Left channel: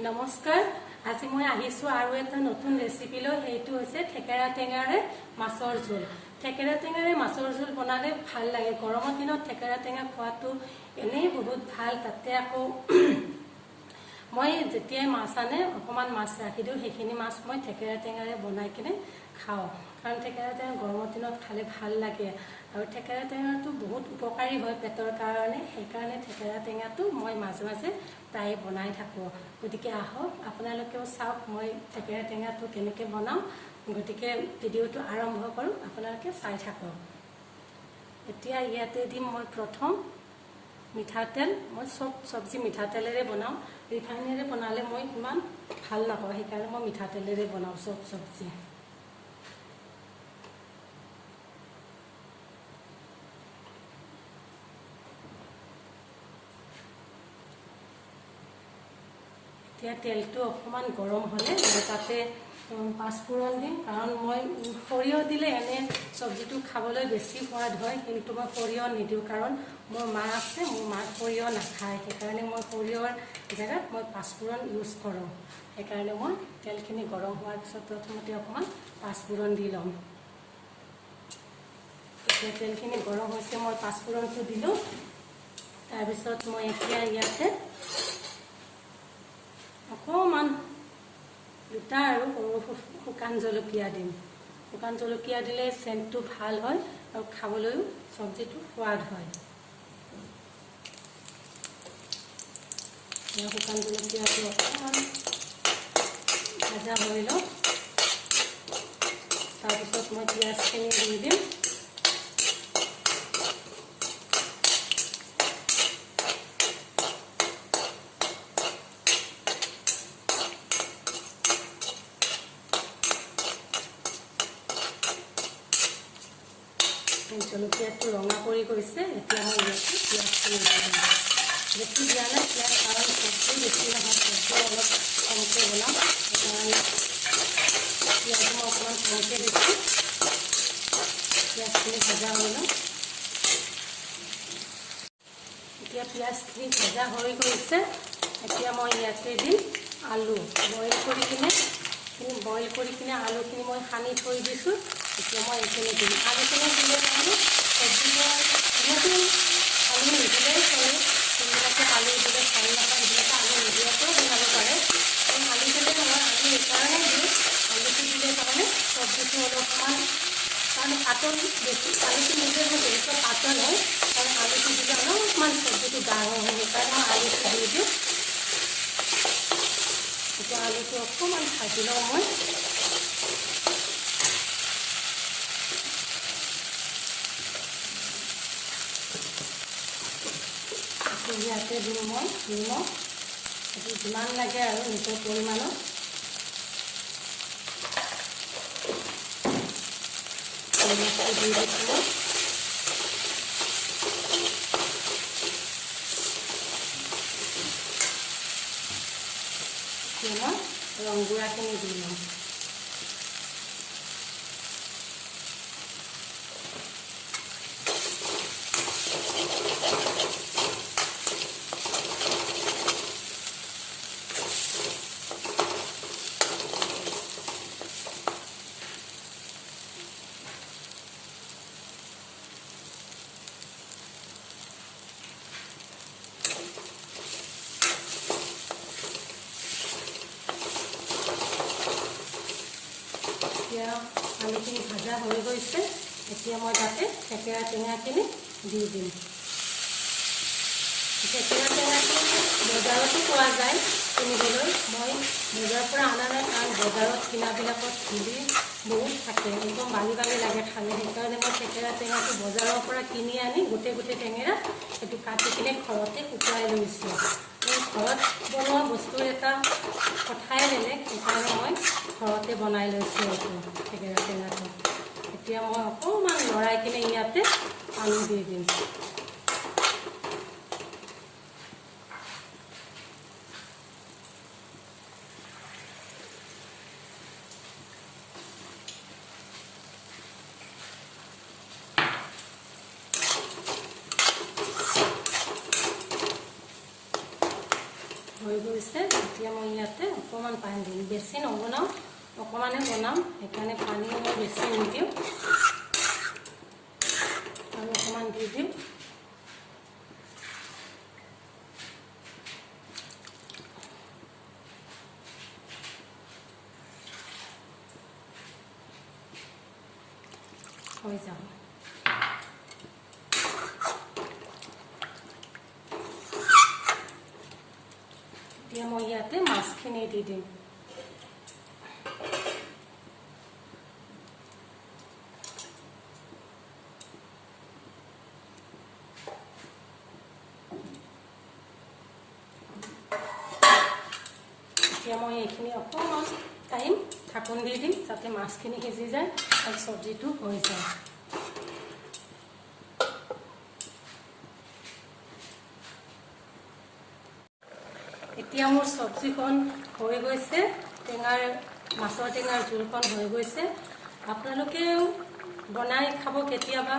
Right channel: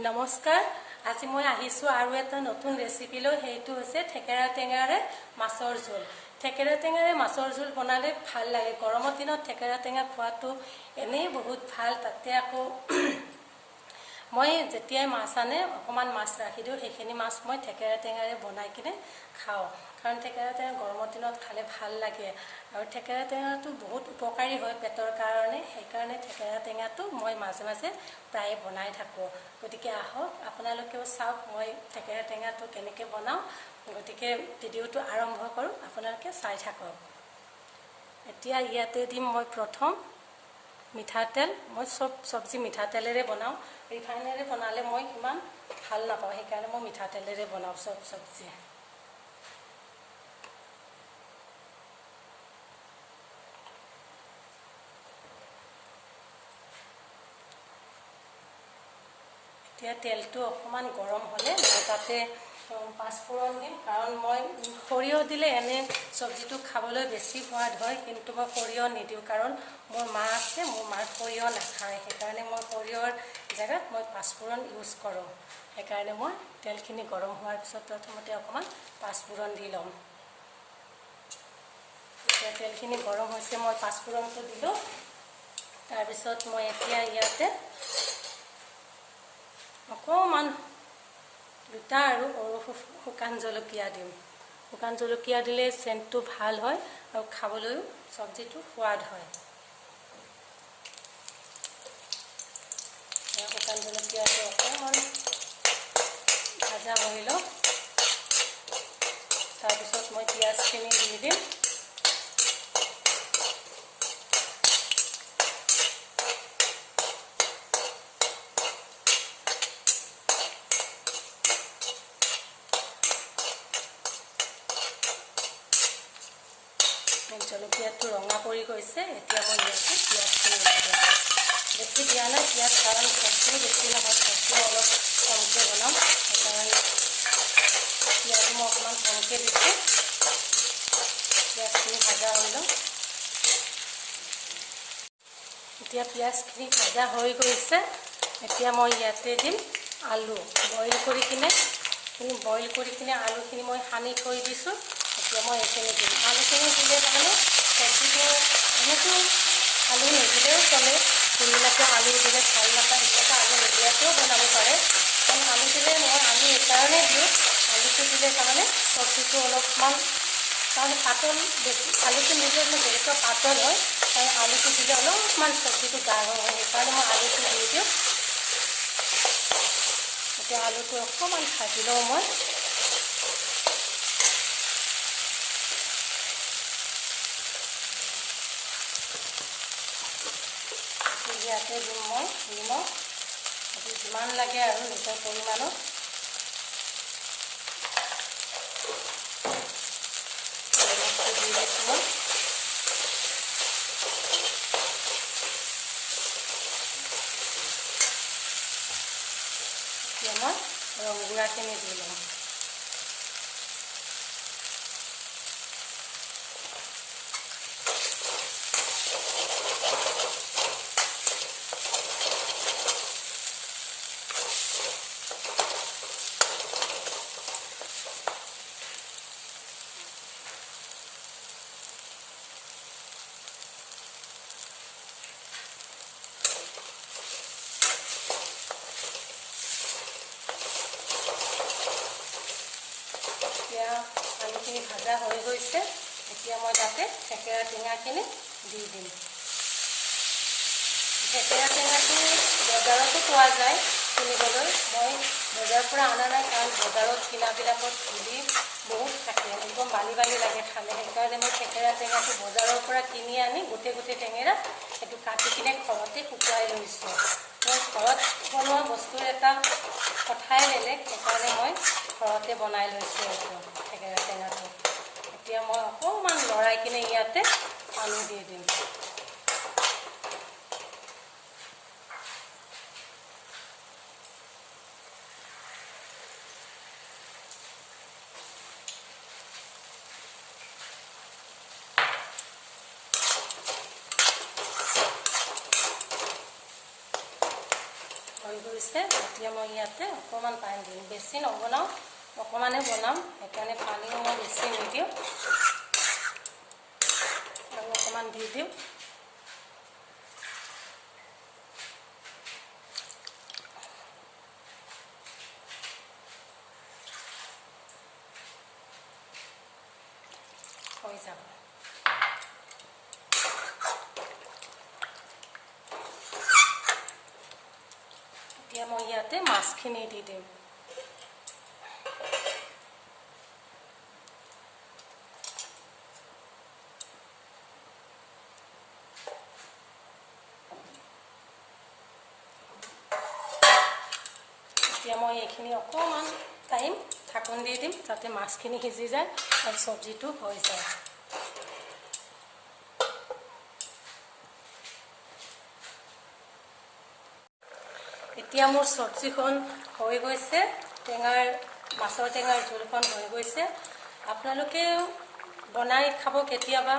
নমস্কাৰ আজি মই আহিছো আৰু এটা নতুন ৰেচিপি লৈ হেইটো হৈছে ঠেকেৰা টেঙাৰে মাছৰ ঝোল ঠেকেৰা টেঙাৰে মাছৰ ঝোল বনালে ভাল লাগে গৰমৰ দিনত ঠেকেৰা টেঙা খোৱাটো এনেই বহুত ভাল তাতে আকৌ মই যেতিয়া মাছ আনে অকমান মাছ ৰাখি দিও সেইখিনি মাছ মই ঠেকেৰা টেঙাৰে বনাই কিনে খাও কাৰণ ঠেকেৰা টেঙা গৰমৰ দিনত খালে ভাল লাগে আৰু ঠেকেৰা টেঙাটো বহুত উপকাৰী হয় পেটৰ কাৰণে সেইকাৰণে ঠেকেৰা টেঙাটো মই মাজে মাজে প্ৰায় বনাই থাকো গতিকে আহক আপোনালোকেও চাওক মই ঠেকেৰা টেঙাটো কেনেকৈ বনাও গতিকে ভিডিওটো আৰম্ভ কৰো আপোনালোকে চাই থাকক এতিয়া ইয়াতে দিম মই প্ৰথম মিঠাতেল মই সব সবজি মিঠাতেলেৰে বনাও ৰিফাইনেৰে বনালে মই ইমান ভাল নাপাওঁ সেইকাৰণে মই মিঠাতেলেৰে বনাও সব সবজি এতিয়া তেলটো অকমান গৰম হলে মই তাতে পাঁচফোৰণ দিম কাৰণ মই সৰিয়হ দিলে এনে সবজিটো খাবলৈ বেছি সোৱাদ হয় কিন্তু মই সৰিয়হ নিদিওঁ কাৰণ মোৰ মা আছে মোৰ মা সৰিয়হ নাখায় সেইকাৰণে মই সৰিয়হৰ জেগাত মই পাঁচফোৰণ ইউজ কৰোঁ সেইকাৰণে মই তেলখিনি গৰম হোৱাৰ পিছত প্ৰথমতে অকমান পাঁচফোৰণ দি লম এতিয়া তেলখিনি গৰম হৈছে মই পাঁচফোৰণটো দিলোঁ তাৰপিছত মই এতিয়া ইয়াতে অকমান দুটা আৰু শুকান জলকীয়া দিম শুকান জলকীয়া দিলে সেন্টটো ভাল হয় আৰু খাবলৈও সবজিটো সোৱাদ হয় শুকান জলকীয়াটো অকমান ভাজা হৈ লওক তাৰপিছত মই পিঁয়াজখিনি দি দিম জলকীয়াটো ৰঙা কৰি গৈছে এতিয়া মই ইয়াতে পিঁয়াজখিনি দি দিম বেছি দিয়া নাই পিঁয়াজ কাৰণ চবজি বেছি নহয় চবজি অলপ কমকৈ বনাম সেইকাৰণে পিঁয়াজ মই অকণমান কমকৈ দিছোঁ পিঁয়াজখিনি ভাজা হৈ ল'ম এতিয়া পিঁয়াজখিনি ভাজা হৈ গৈছে এতিয়া মই ইয়াতে দিম আলু বইল কৰি কিনে আলুখিনি মই সানি থৈ দিছোঁ এতিয়া মই এইখিনি দিম আলুখিনি দিলে মানে চবজিবোৰ বহুতো আলু নিদিলেও চলে যোনবিলাকে আলু দিলে ভাল নাপায় সেইবিলাকে আলু নিদিয়াকৈও বনাব পাৰে কাৰণ আলু দিলে মই আলু এইকাৰণে দিওঁ আলুটো দিলে তাৰমানে চবজিটো অলপমান কাৰণ পাতল বেছি আলুটো নিদিলে যিহেতু পাতল হয় আৰু আলুটো দিলে অলপমান চবজিটো ডাঙৰ হয় সেইকাৰণে মই আলুটো দি দিওঁ এতিয়া আলুটো অকণমান ভাজি লওঁ মই ইয়াতে দিম মই নিমখ এইটো যিমান লাগে আৰু নিজৰ পৰিমাণত নিমখটো দি দিছোঁ এতিয়া মই ৰংগুড়াখিনি দি ল'ম এতিয়া আলুখিনি ভাজা হৈ গৈছে এতিয়া মই তাতে ঠেকেৰা টেঙাখিনি দি দিম ঠেকেৰা টেঙাখিনি বজাৰতো পোৱা যায় কিনিবলৈ মই বজাৰৰ পৰা অনা নাই কাৰণ বজাৰত কিনাবিলাকত ধূলি বহুত থাকে একদম বালি বালি লাগে খালে সেইকাৰণে মই ঠেকেৰা টেঙাটো বজাৰৰ পৰা কিনি আনি গোটেই টেঙেৰা সেইটো কাটি কিনে ঘৰতে শুকুৱাই লৈছোঁ ঘৰত বনোৱা বস্তুৰ এটা কথাই বেলেগ সেইকাৰণে মই ঘৰতে বনাই লৈছোঁ এইটো ঠেকেৰা টেঙাটো এতিয়া মই অকণমান লৰাই কিনে ইয়াতে আলু দি দিম হৈ গৈছে এতিয়া এতিয়া মই ইয়াতে অকণমান পানী দিম, বেছি নবনাওঁ, অকণমানে বনাম, সেইকাৰণে পানীও মই বেছি নিদিওঁ আৰু অকণমান দি দিওঁ। হৈ যাব। এতিয়া মই ইয়াতে মাছখিনি দি দিম। এতিয়া মই এইখিনি অকণমান টাইম ঢাকন দি দিম যাতে মাছখিনি সিজি যায় আৰু চব্জিটো হৈ যায়। এতিয়া মোৰ চব্জিখন হৈ গৈছে, মাছৰ টেঙাৰ জোলখন হৈ গৈছে। আপোনালোকেও বনাই খাব কেতিয়াবা,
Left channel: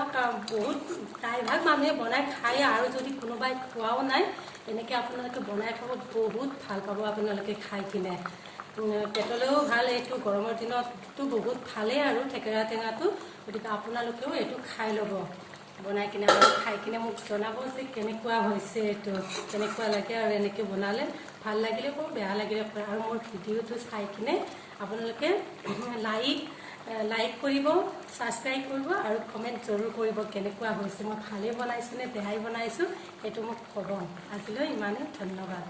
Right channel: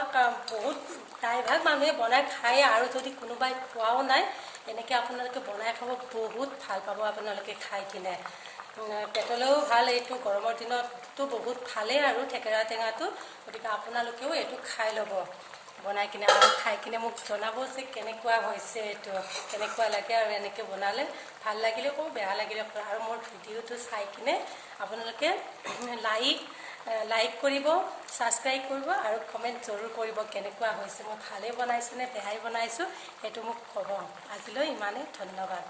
বহুত প্ৰায়ভাগ মানুহে বনাই খায় আৰু যদি কোনোবাই খোৱাও নাই এনেকৈ আপোনালোকে বনাই খাব, বহুত ভাল পাব আপোনালোকে খাই কিনে। পেটলৈও ভাল, এইটো গৰমৰ দিনততো বহুত ভালেই আৰু থেকেৰা টেঙাটো, গতিকে আপোনালোকেও এইটো খাই ল'ব বনাই কিনে আৰু খাই কিনে মোক জনাব যে কেনেকুৱা হৈছে, এইটো কেনেকুৱা লাগে আৰু এনেকৈ বনালে। ভাল লাগিলে কওক, বেয়া লাগিলে কওক, আৰু মোৰ ভিডিঅ'টো চাই কিনে আপোনালোকে লাইক কৰিব, ছাবস্ক্ৰাইব কৰিব আৰু কমেণ্ট জৰুৰ কৰিব কেনেকুৱা হৈছে, মই ভালেই বনাইছোঁ নে বেয়াই বনাইছোঁ সেইটো মোক ক'ব। আজিলৈ ইমানেই, ধন্যবাদ।